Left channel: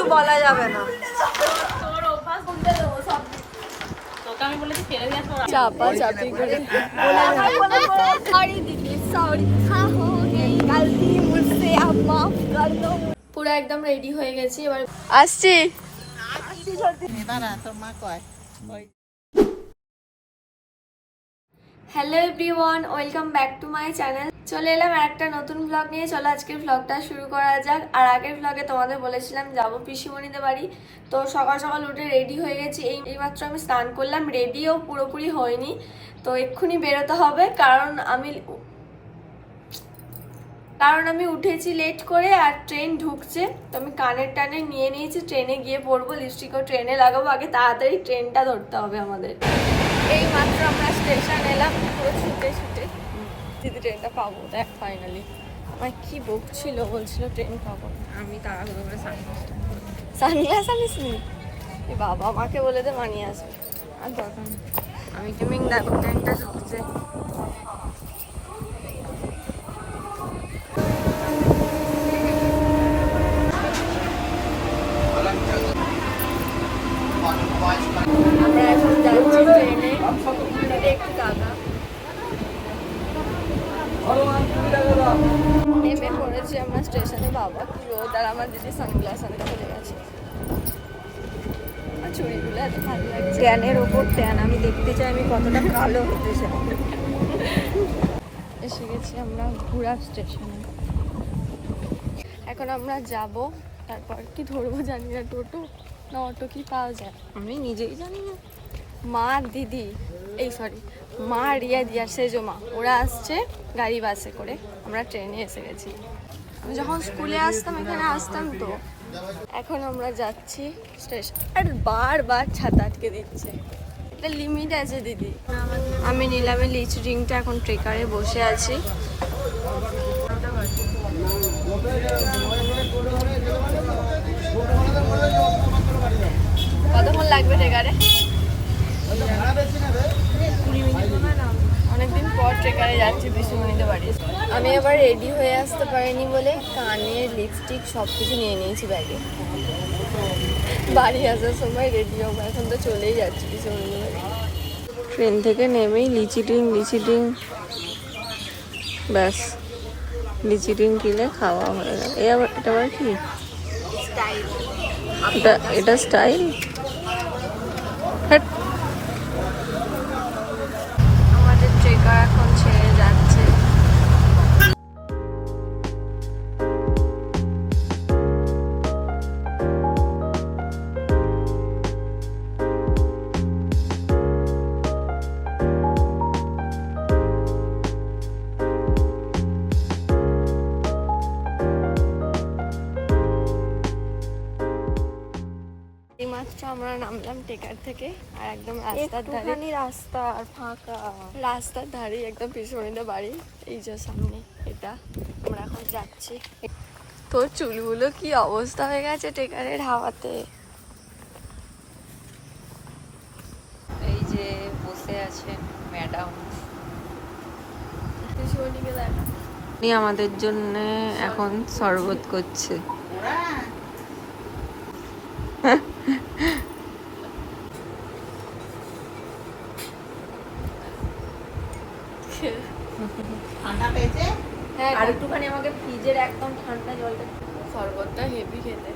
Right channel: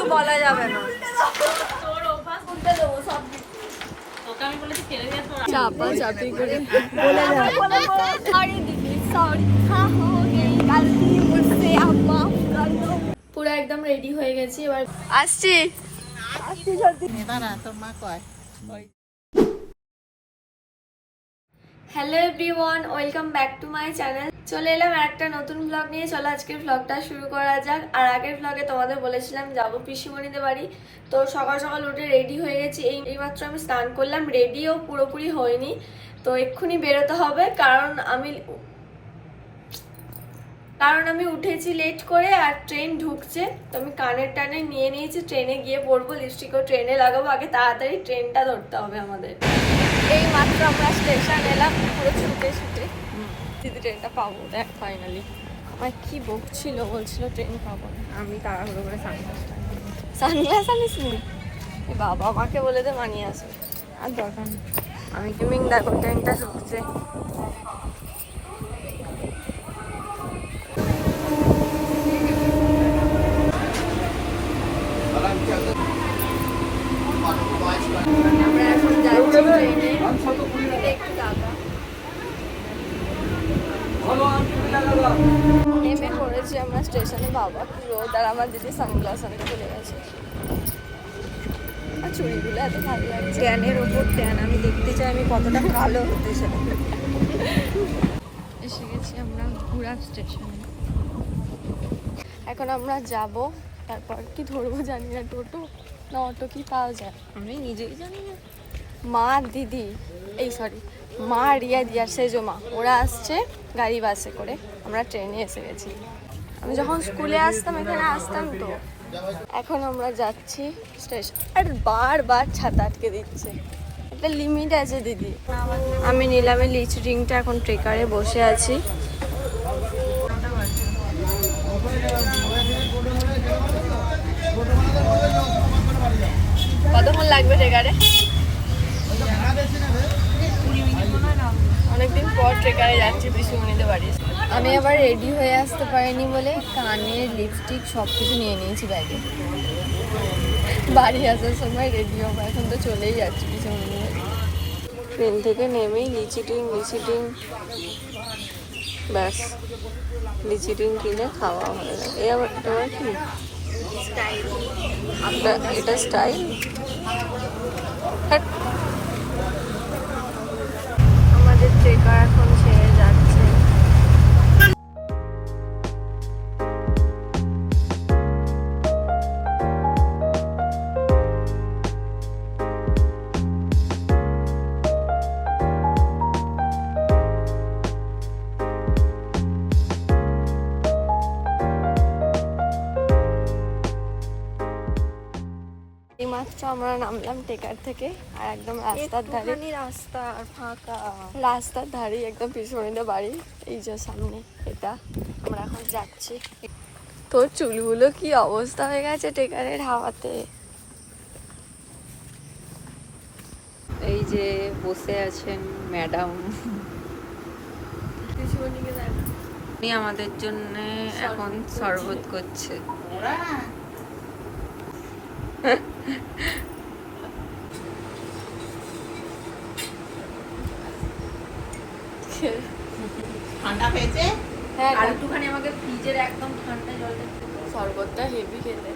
কিচ্ছু বলা যাবে না। চাপা চাপি করে পুরো একদম রেডি হয়ে গেছি, এবার আসছি। Hello everyone, welcome back to my channel. চলে এলাম একটা নতুন ব্লগ নিয়ে। চলো আজকের ব্লগটা শুরু করা যাক। আর আগের ব্লগে তোমাদের বলেছিলাম যাবো পিসিমণিদের বাড়ি, তো সকাল সকাল উঠে রেডি হয়ে গেছি। এইমাত্র আমি স্নান করলাম, রেডিও পুরোপুরি হয়নি, তো এক্ষুনি বেরোতে হবে। কারণ আমি উঠেছি লেট করে, আর ট্রেন ঢুকছে, তো আমি কানের টানে নিয়ে নিয়েছি। ট্রেনে গিয়ে পড়বো, লিপস্টিকও ট্রেনে লাগাবো, আগে তাড়াতাড়ি ট্রেনটা ধরতে হবে আমাদের। এই মাত্র আমরা স্টেশন এলাম, পুরো ছুটে ছুটে। দিদি ট্রেনটা পাবো, দেখ ফাইনালি। আমার কি বকছিল, বলছিল ট্রেন পাবো না। আমি তাড়াহুড়ো করে সানগ্লাস আনিস নি? বাবা আমাকে বলে দে মানিয়ে আসবে। আর দরকার নেই, আমি গেমিং। দেখো ট্রেনটা ঢুকছে। আমরা এখন যাচ্ছি ট্রেনে, একটু দাদা নেমে পড়েছি আমরা স্টেশনে। বাবা কি রোদ, আর আমার দিদি সানগ্লাস আনতে ভুলে গেছে। আর চুড়িগুলো এত ভালো লাগছে, ট্যানের ওপর ট্যান। আমি দেখতে চাই আমি কতটা কালো হতেছে। এসে গেছি আমরা ঘুরা স্টেশনে। এখন আমরা যাব, তারপর কি ধরবো জানি না, টোটো না অটো কি পাওয়া যায় আমি নিজেই জানি না। মা দিদি মা রিয়া দিয়ার সেজো মা, ওরা আসছে গাড়ি বাসে করে, আমরা ট্রেনে এসে গেছি। আমি যখন স্কুলে আসতাম এখানে আসতাম তো। এখন আমরা যাচ্ছি স্টেশন। আর বারবার ছাতা আটকে দিচ্ছে, একটা লিমিট আছে দিদি। আমি নিলামে লিচু রিংটা, এখন ট্রেকারে বসে আছি। কতক্ষণ লাগবে ট্রেকারে? অনেকদিন পর ট্রেকারে যাচ্ছি পিসিমণিদের বাড়ি। আমি আবার রেডি হয়ে আসতে পারিনি বলে কানের লিপস্টিক সব কিছু নিয়ে নিয়েছি ব্যাগে। বাড়ি আসার সময় রেডি হবো, এখন তো চলেই যাচ্ছি পিসিমণিদের বাড়ি। ট্রেন থেকে নেমেই লিচি ডিম ব্যাস, লিচি ডিম কিনে খাওয়া হয়ে গেল। এটা আবার কি? এটা স্টাইল। আমাদের ট্রেকার এখন ছেড়ে যাচ্ছে। এইমাত্র আমরা নামলাম টেকার থেকে, আর একদম রাস্তার ধারে, রাস্তা ফাঁকা, রাস্তার ধারে একদম পিছনে বাড়ি। এই যে সামনে এটা, আমরা এখন যাচ্ছি। তোর চুলগুলো কি অবস্থা হয়ে গেছে টেকারের হাওয়াতে। এই যে বসে আছেন ম্যাডাম, উনি আমাদের জন্য এখন শরবত করছে। ঠান্ডা পেয়েছে? হ্যাঁ, একটুখানি আমাকে ফ্রিজের একদম ঠান্ডা জলে শরবতটা হেভি খেলে।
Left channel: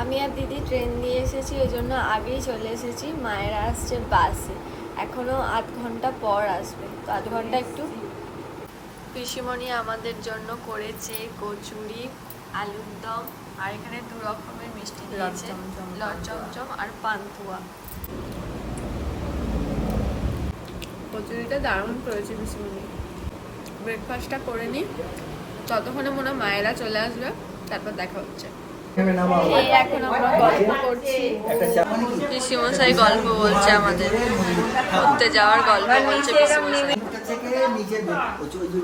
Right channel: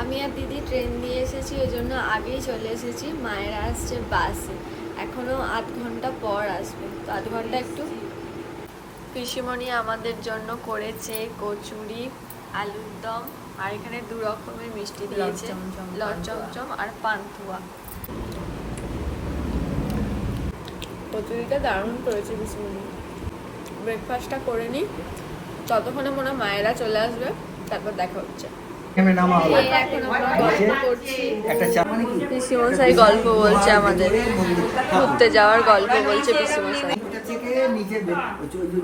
আমি আর দিদি ট্রেন দিয়ে এসেছি, ওই জন্য আগেই চলে এসেছি। মায়েরা আসছে বাসে, এখনো আধ ঘন্টা পর আসবে, তো আধ ঘন্টা একটু। পিসিমণি আমাদের জন্য করেছে কচুরি, আলুর দম, আর এখানে 2 রকমের মিষ্টি দিয়েছে, লট চমচম আর পান্তুয়া। কচুরিটা দারুণ করেছে পিসিমণি। ব্রেকফাস্টটা করে নিই, ততক্ষণে মনে হয় মায়েরা চলে আসবে, তারপর দেখা হচ্ছে। এখন আমরা গল্প করছি, পিসিমশাই গল্প বলছে আমাদের, ঘুরতে যাওয়ার গল্প বলছে পিসিমশাই।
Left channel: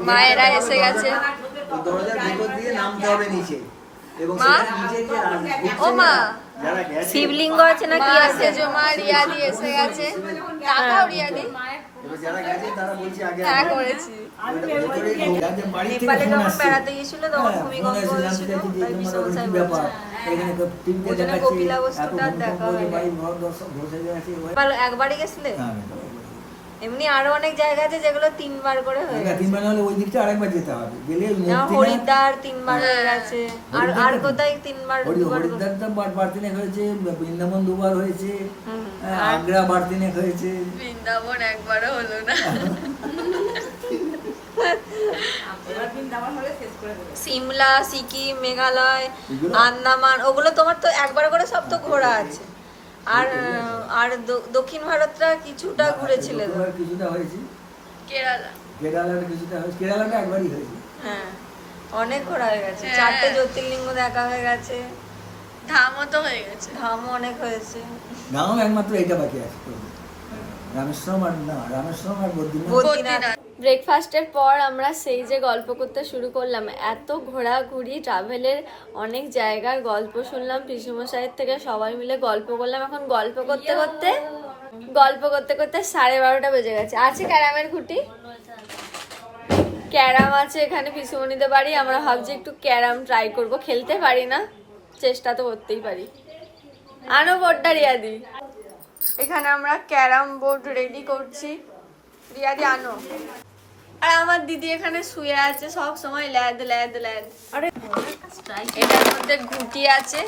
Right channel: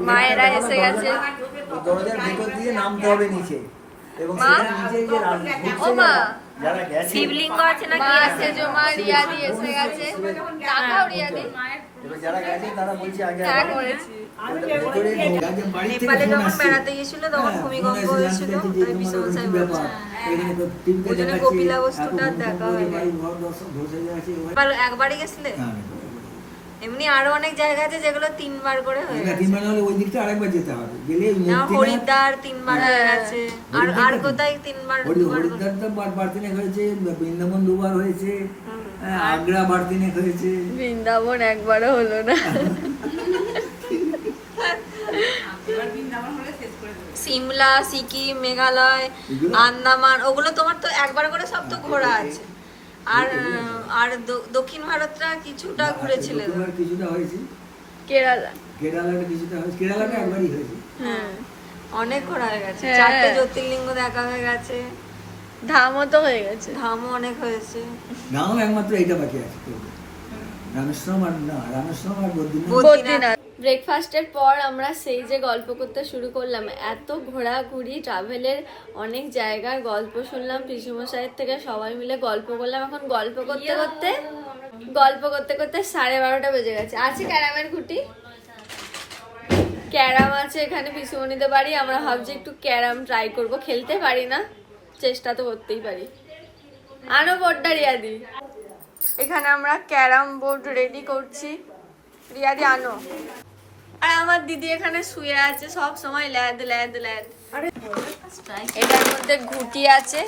মায়েরা এসে গেছে। মা, ও মা, শিবলিঙ্গ আছে না? মা সেজো মা রিয়াদি এসে গেছে। টাকাও রিয়াদি এবার যারা গেছে তারা বলছে আগে হ্যাঁ করেছি। বাড়ি থেকে নেপালে ফোন যখন আসছে বেড়াতে গেছিল তখন হ্যাঁ, ভূমিকম্প ফোন এসে হয়েছিল, জানতে চাইছে যে তাই তোমার ওখানে কি বিশ্বমশাই ব্যাপার বলছে। এখানে তো টিভিতে ওই জন্য দেখাচ্ছে কপিলা এত বস্তুটা ভূমিকম্প দেখা হয়েছে হয়নি। বাড়ি ঘর ধসে গেছে একবারই গেছিলে? হ্যাঁ এমনি আরো অনেক জায়গা আছে যেগুলো 3 বার করে হয়ে না গেছে। 3 বার হলে ওই দিকটা আরেকবার যেতে হবে গেলে ওই না, মূর্তি হরিদ্বার 3 বার হয়ে গেছে। আর হরিদ্বারটা কোথায় 3 বার? হরিদ্বার তো বারতিনেক হয়েছে, বৃন্দাবন 2 বার হয়েছে, আগ্রা বারতিনেক হয়েছে। বৃন্দাবন একবারও হলো না। সিমলা, সিকিম, মেঘালয়, আন্দামান ওগুলো তোমার তো একবার করে সব তো ঘোরা আছে। আর আর দক্ষিণ ভারতটা কিছুটা ঘুরেছিলে তো। এবার কিছুটা হয়েছে, কেরালা। কেরালাটা কিছুটা হয়েছে, কেরালাটা একবারই হয়েছে। হ্যাঁ অনেক ঘোরা হয়ে গেছে, 4টে জ্যোতির্লিঙ্গ দেখা হয়ে গেছে, ধামও তো হয়ে গেছে, ধামও অনেক হয়েছে। নাম একমাত্র এইটা বাকি আছে তো, রামেশ্বরম আর বদ্রীনাথ। ব্রেকফাস্টের পর আমরা সেই যে গল্প করতে শুরু করলাম, এত ঘোরাঘুরি ট্রাভেলের অনেক জায়গার গল্প শুনলাম পিসিমশাইয়ের থেকে, সবাই মিলে গল্প করলাম। এখন গল্প করতে করতে 12:30 বেজে গেছে। আছে ক্যারামের ঘুটি, ক্যারাম আছে এখানে পিসুমনিদের বাড়ি। আমরা ভাবছি একটু ক্যারাম ট্রাই করব, খেলতে পারি না, চেষ্টা তো করতেই পারি। আনো বোর্ডটা রিয়াদি, এখানে আমরা ক্যারাম বোর্ড রেডি করছি। রিয়াদি আনো। আর আমার দিদি এখানে শুয়ে আছে সব সময় ল্যাদ ল্যাদ ল্যাদ। এটার মধ্যে ঘুটি আছে,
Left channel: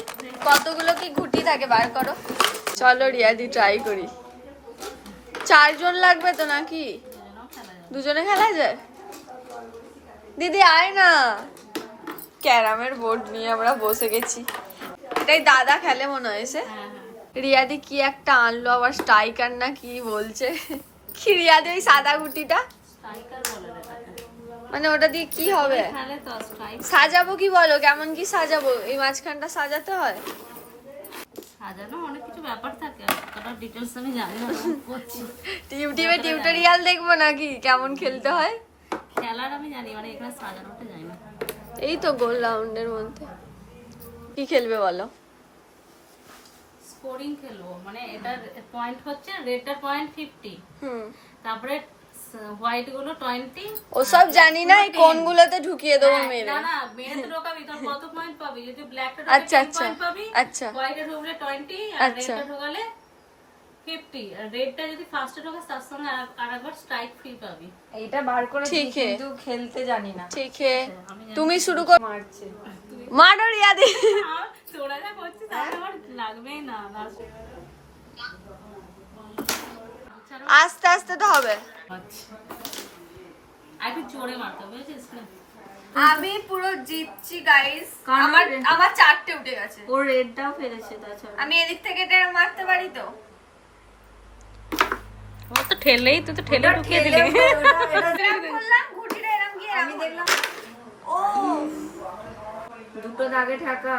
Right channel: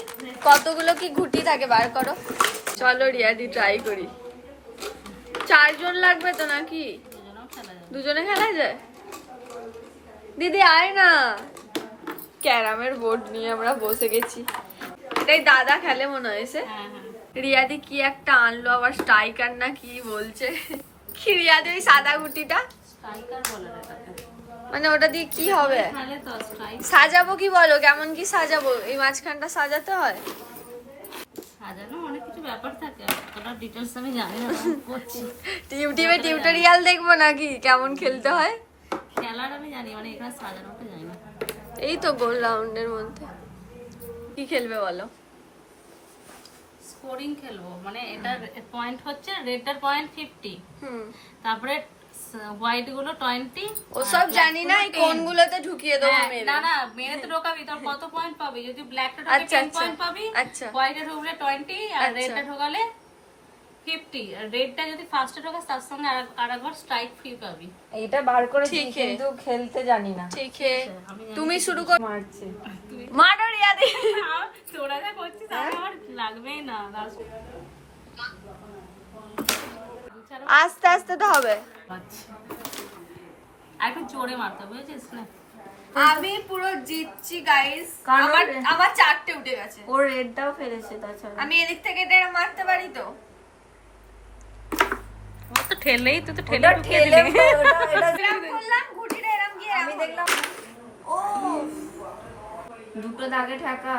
কতগুলো কি ঘুটি থাকে বার করো। চলো রিয়াদি ট্রাই করি। 4 জন লাগবে তো নাকি? দুজনে খেলা যায়? দিদি আয় না। ক্যারামের বোর্ড নিয়ে আমরা বসে গেছি। এটাই দাদা খেলে মনে হয়েছে। রিয়াদি কি একটা আনলো আবার, স্ট্রাইকার না কি বলছে। কি রিয়াদি ওই সাদা গুটিটা? মানে ওটা দিয়ে কি হবে? সাজাবো কি বলো, কেমন কি সাজাবো? এই মাঝখানটা সাজাতে হয়? সাজানো অনেক কিছু ব্যাপার থাকে, অতটা ডিটেইলস আমি জানি না। ইউটিউবে টিউটোরিয়াল দেখবো নাকি কেমন খেলতে হয়? খেলার আমি জানি, মানে এখানে সাজানোটা জানি না। এই তো গোল রাউন্ডের মধ্যে কি খেলবে বলো? স্কোরিং খেলবো, মানে এটার পয়েন্ট হচ্ছে রেডটার পয়েন্ট 50, তারপরে হোয়াইট গুলো 20। ওসব জানি না, এই কোনগুলোতে ঢুকিয়ে দেবো মেরে। না না, মেরে তো ঢোকাবি, তোর কত পয়েন্ট পাবি? যদি ব্ল্যাকটা আচ্ছা, ঢোকে 10 আচ্ছা, পয়েন্ট পাবি, আচ্ছা। হোয়াইটে ঢুকলে 20 আর আচ্ছা। রেডটা ঢোকালে 50। আর রেডটা যদি ফার্স্টে ঢোকাস তার সঙ্গে আরেকবার স্ট্রাইক ফ্রি পাবি। এটা বার করে ঠিক হে, কিন্তু খেলতে জানি না। ঠিক হে, তুমি শুরু কর। মারো রিয়াদি। তোরা যা করছিস আমার লাগবেই না। আস্তে আস্তে তো হবে। একটু জোরে মারতে হবে, বুঝেছিস না? আমি পুরো জিতছি গাইস। আমার 4টে উঠে গেছে। ওর রেডটাও ফেলেছে তাছাড়া। আমি এদিক থেকে এটা মারতে পারি তো? ও তো ঠেলেই, তুই তো ঠেলে ঢুকিয়ে দিলি। এরকম করলাম, ঘুটিটা এরকম গিয়ে আমি দেখলাম। ও দুটো দাগে ঠাকা।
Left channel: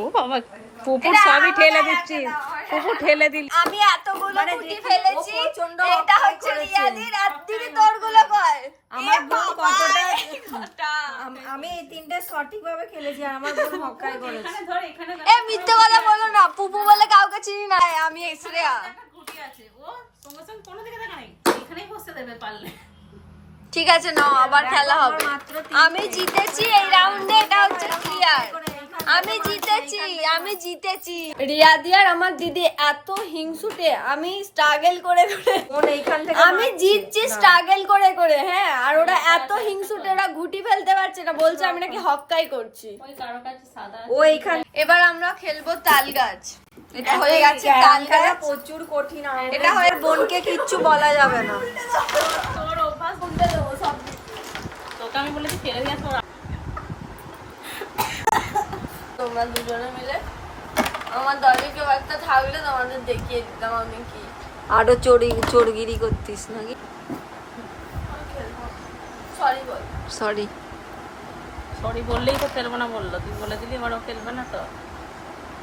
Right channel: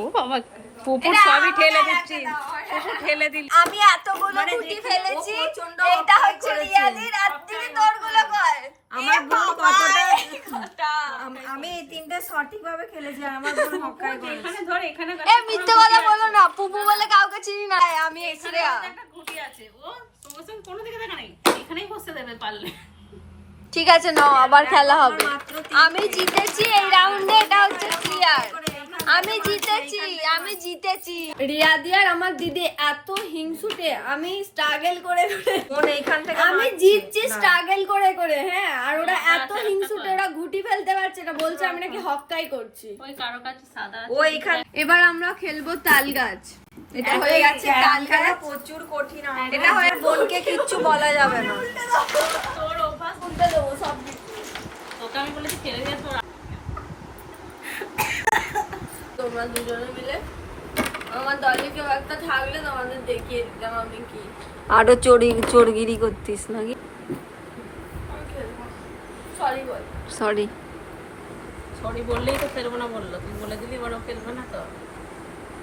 ও বাবা, পুপুর সবই ঠেলে দিচ্ছিস, পুপুর ঠেলে দিলি। আমি এতগুলো ঘুটি ফেলেছি, এটা হচ্ছে রিয়ালির। আর দিদি তোরগুলো কর। আমার বোন কতটা আমি এই তিনটে সঠিক ভাবে খেলেছি আর আমার বোন মক্কায় করেছে। এখানে ধর, এখানে এ মিথ্যে কথা বলো না, পুপু বলে কাউকে চিনি না আমি। শ্রেয়া একটা ঘুটি আছে, ও তোমার সঙ্গে কোনো দিকে দেখা নেই, এখানেই বসে দেবে পারলে। ঠিক আছে, নাও আবার খেলা হবে। আমি জিতেছি এই রাউন্ডে, এটা হচ্ছে ক্লিয়ার। আমি জিতেছি। রিয়াদি আর আমার দিদি এত হিংসুটে, আমি স্ট্রাগল করে আমি জিতছি স্ট্রাগল করে। হ্যাঁ, আর ওরা এত হিংসুটে, ওরা ঘুটি ফেলতে পারছে না, বলছে আমি নাকি হক্কাই করছি। ওই কারো কাছে সাদা ও এখানে। এবার আমরা খেলবো তাল গাছ। এটা হয়ে গেছে তাল গাছ, প্রচুর কঠিন। এটা হয়ে বোনকে কিচ্ছু বলা যাবে না। তোর অভ্যাস, কোনটা দেবো সব? তোকে আমি বলেছি ফেলে দিয়ে তোর। তোমরা দুজনে মিলে আমার দলে কেউ একটা থাকলে তোমাদের দেখিয়ে দিতাম আমি কি। আরো চোরগিরি করতিস নাকি? সরি বল। সরি। সরি বললেই তো খেলবো না বললো, তুই বলে দিলি এবার ও খেলবে না তো।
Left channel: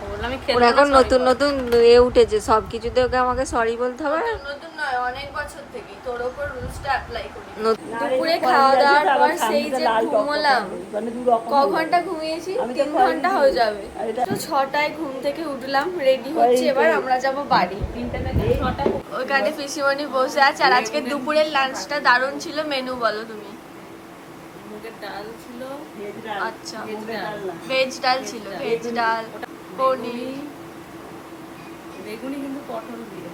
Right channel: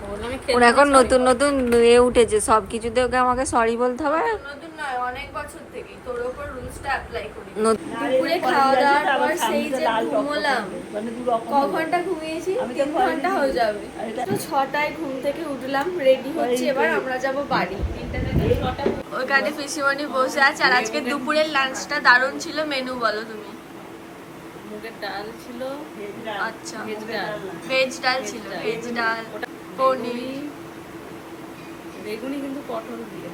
ও বললাম আমি খেলবো এখন নতুন নতুন এ উঠেছে, সব কিছুতে ওকে আমাকে সরি বলতে হবে। নতুন নয়, অনেক বছর থেকে তোর ওপর রুলসটা অ্যাপ্লাই করি। দুপুরে খাওয়া দাওয়ার পর সেই যে ঘুমোলাম, ক ঘন্টা ঘুমিয়েছি? 3 ঘন্টা হয়ে যাবে। তো 6টায় ঘুম থেকে উঠলাম, রেডি হচ্ছে, এবার আমরা যাব বাড়ি। ওইখানে পিসিমণি বসে আছে। আর আজকে দুপুরের লাঞ্চটা দারুণ ছিল। মেনু বলো তুমি। মুগের ডাল ছিল, আচ্ছা, ভেজ ডাল, ভেজ ডাল ছিল, ভেজ ডাল, পনির, বেগুনি কিন্তু পটল দিয়ে,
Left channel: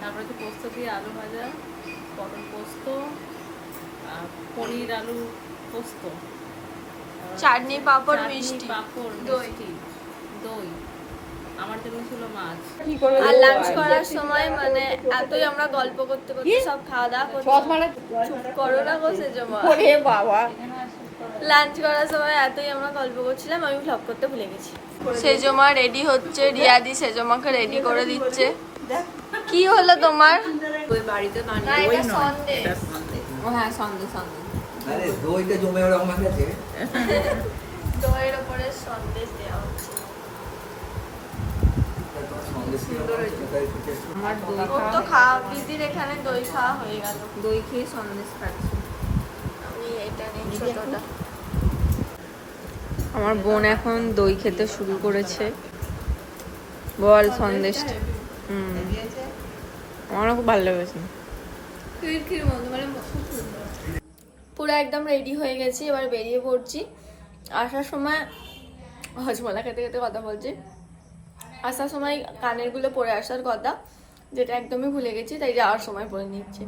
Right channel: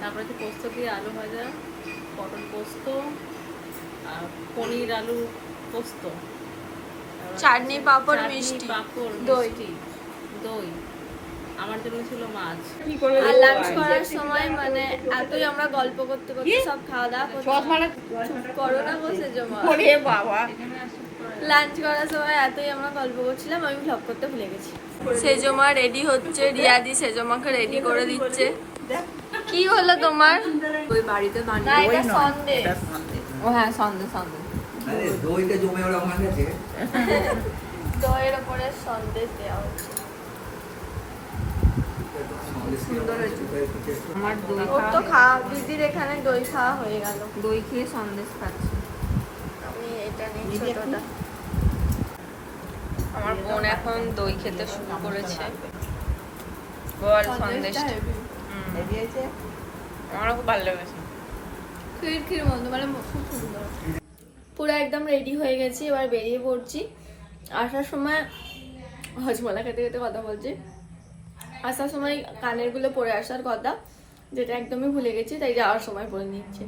তারপরে তো পোস্ত দিয়ে আলু ভাজা, পটল পোস্ত, আর পনির আলু পোস্ত, চাটনি, পাঁপড়, চাটনি, মিষ্টি, পাঁপড়, দই। মিষ্টি, দই। আমার জন্য ছিল মাছ। আর লাঞ্চ করার সময় মানে এতই আমরা গল্প করতে করতে সব খাওয়া দাওয়া করছি। চুপ করো না, বসে জমা। লাঞ্চ করার সময় এতই আমরা গল্প করছিলাম, আমি ভ্লগ করতে ভুলে গেছি। সেজমা রেডি হচ্ছে, রিয়াদি সেজমাকে রেডি করে দিচ্ছে। কি হলো তোমার? না, এটা সন্দেশ। ও হ্যাঁ, সন্দেশ সন্দেশ। আরে দইটা জমে ওরা আমার কাছে। দইয়ের উপরে সন্দেশ দেওয়া হচ্ছে। আমার দই ওর তো খাওয়া, দিদির এখানে দই খাওয়া হয়ে গেল। দই খেয়ে সন্দেশ খাচ্ছি। আমি এটা নিই ছোটটা। আমার বোন এখন দই খেতে শুরু করেছে। বল সন্দেশটা। আমার খুব ভালো লেগেছে। খির মতো, মানে খুব সুন্দর। পুরো একদম রেডি হয়ে গেছি, এবার বেরিয়ে পড়ছি। আসার সময় হজমলা খেতে খেতে কথা বলছি। আসার সময় কানেরগুলো পরে আসার কথা, যেটা একদমই ভুলে গেছি, তাই যাওয়ার সময় পরে নিচ্ছি।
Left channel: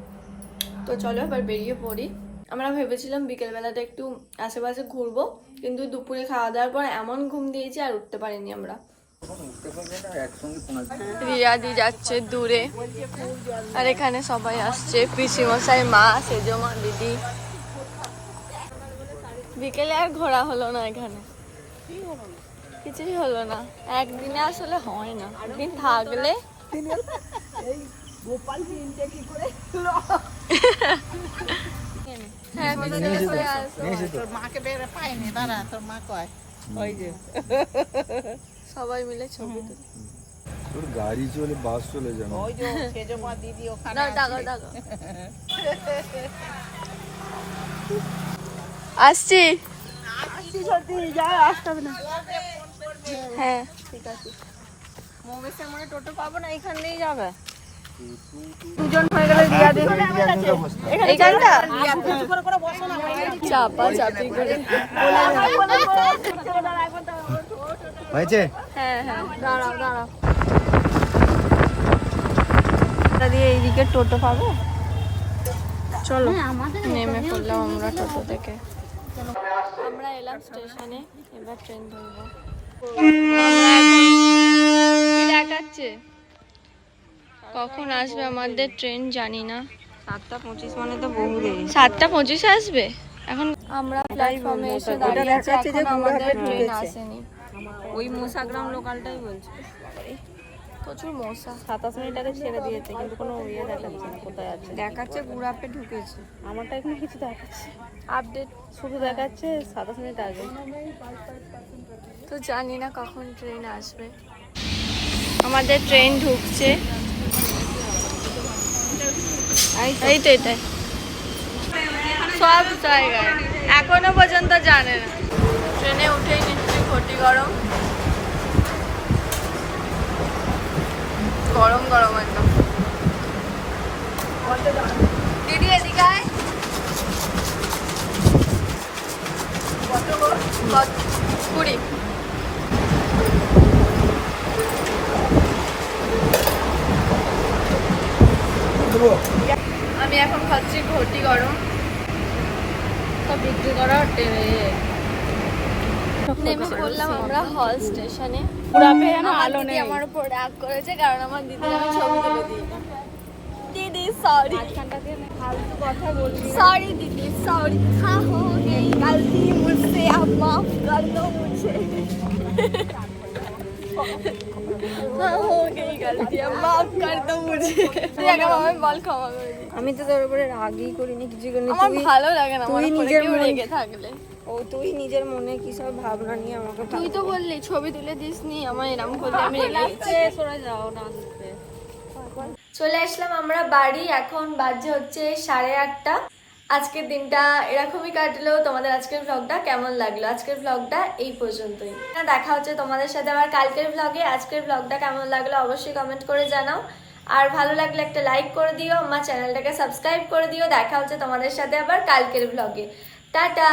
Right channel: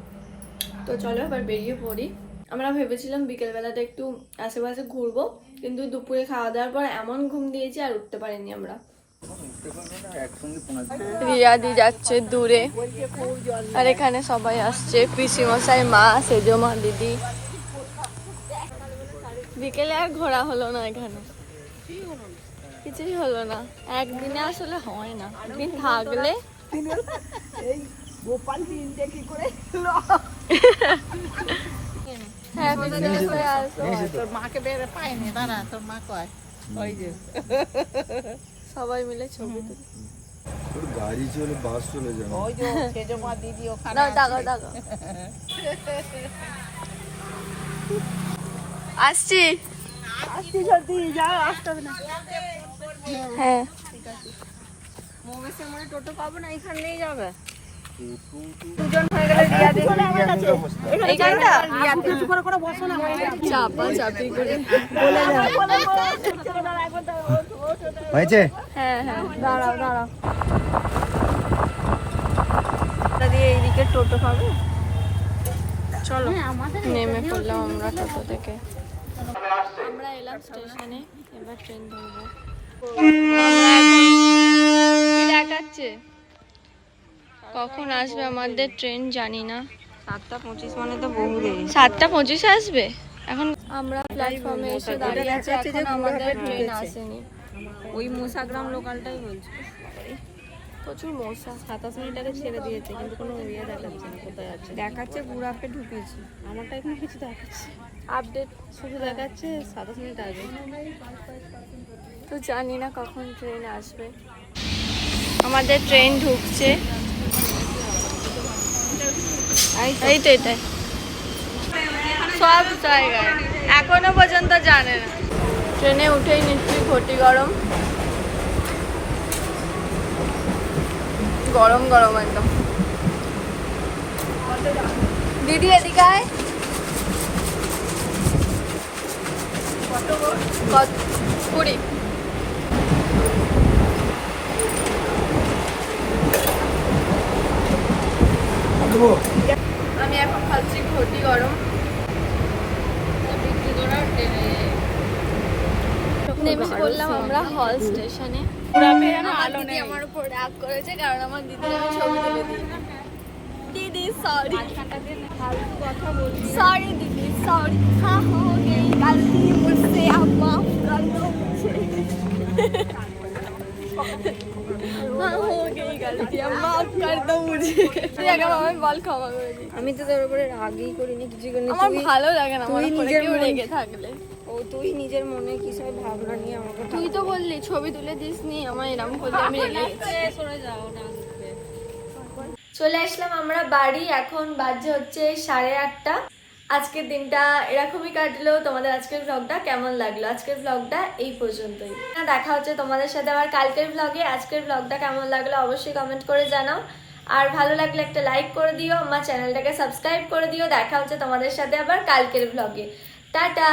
তো চলো এবার বেরিয়ে পড়ি। আমরা ভেবেছিলাম বিকেলবেলাটা একটু আশেপাশে ঘুরবো, কিন্তু দুপুরে খাওয়া দাওয়ার পর এমন ঘুম দিয়েছি আর উঠতে পারিনি আমরা। রিয়াদি যাচ্ছে দূরে, আর এখানে সবাই আসছে, পিসিমশাই, মা, সেজমা, দিদি। বিকেলে আর ঘোরা হলো না, এখানে কিছুই হলো না। একদিনে আসলে হয় না, একদিন থাকলে। হ্যাঁ, পিসিমশাই আসো। তোর মাকে বের পাইনি, দাঁড়া, তোর মা কয় ওই যে সবাই মিলে ছবি তুলি। তোর গাড়ি চলে, বাস চলে যাবে। ওই যে সেজমা দিদি ওখানে দাও, টাকা টাকা আসছি। হ্যাঁ, মোমেসের মনে টোটো পাবো না, এখান দিয়েই যাবে। এইখানটা চাপা চাপি করে। হয়েছে? হ্যাঁ হ্যাঁ, দাঁড়াও দাঁড়াও। দিয়ে এইদিকে টোটো পাবো। চলো, নেমে পড়লাম আমরা টোটো থেকে। আমরা এলাম স্টেশনে, এবার ট্রেন ধরবো। কি দেখাচ্ছে? কখন আসবে আমাদের ট্রেন জানি না। 7:25 মানে তো বহু দেরি। 7:25 আসবে এখন। আমরা প্ল্যাটফর্মে এসে দাঁড়িয়ে আছি, এখন আমাদের ট্রেন আসেনি। ওই মোসাগ্রাম লোকালটাই বলছে। প্রচুর মশা। 27 মিনিট আগে ছেড়ে দিয়েছে, কিন্তু কোনো ইয়ে দেখাচ্ছে না কোথায় আছে। দেখাচ্ছে পুরো আপে ঢুকেছে। আমারটা এখানে কিছু দেখাচ্ছে, আপডেট শুধু দেখাচ্ছে 27 মিনিট আগে। তো জানি না কখন ট্রেন আসবে। আমাদের ট্রেন ঢুকছে, এই তো এটাই, সব জায়গায়। এখনো পর্যন্ত জানে না। ট্রেনে উঠেই নিচ্ছি, ঘটি গরম গরম গরম একদম। দিদি এদিকে আয়। কত? 20। আমি এখন খাচ্ছি ঘটি গরম। বিক্রি করার নেমে পড়লাম আমরা হল স্টেশনে। আমার দিদি আমার উপর রাগ করেছে, কারণ আমার দিদি আমি ছবি তুলে দিই। দিদি সরি, ফালতু কথা বলছি। सॉरी दीदी, सॉरी, हाँ हो गई गलती मुझसे, आप माफ कर दो मुझे। हाँ हो गई गलती अब माफ कर दो मुझे তুই আগে আমায় বল ক্ষমা করে দিই আমি তো তোর উপরে রাগই করিনি কিছু করিনি আমার তুই- ভালো লাগে না আমার তুই উপরে নিজের কেউ মন- রেগে থাকলে ও তুই নিজের মনে কি সব ভাবনা নিয়ে আমাকে তুই তো বললি ছবি তুলে দিস নি আমার এরকম করলে আমি রেগে গেছি সরে যাও না চলে আসলাম আমরা বাড়ি এখন বাজে হচ্ছে 8:30 আজকের দিনটা এরকমই কাটলো তোমাদের আজকের ব্লগটা কেমন লাগলো আজকের ব্লগটা এই পর্যন্তই দেখা হচ্ছে তোমাদের সাথে আবার কালকের ব্লগে আজকের ব্লগটা কেমন লাগলো অবশ্যই কমেন্ট করে জানাও আর ভালো লাগলে একটা লাইক করে দিও আমার চ্যানেলটাকে সাবস্ক্রাইব করে দিও দেখা হচ্ছে তোমাদের সাথে আবার কালকের ব্লগে টাটা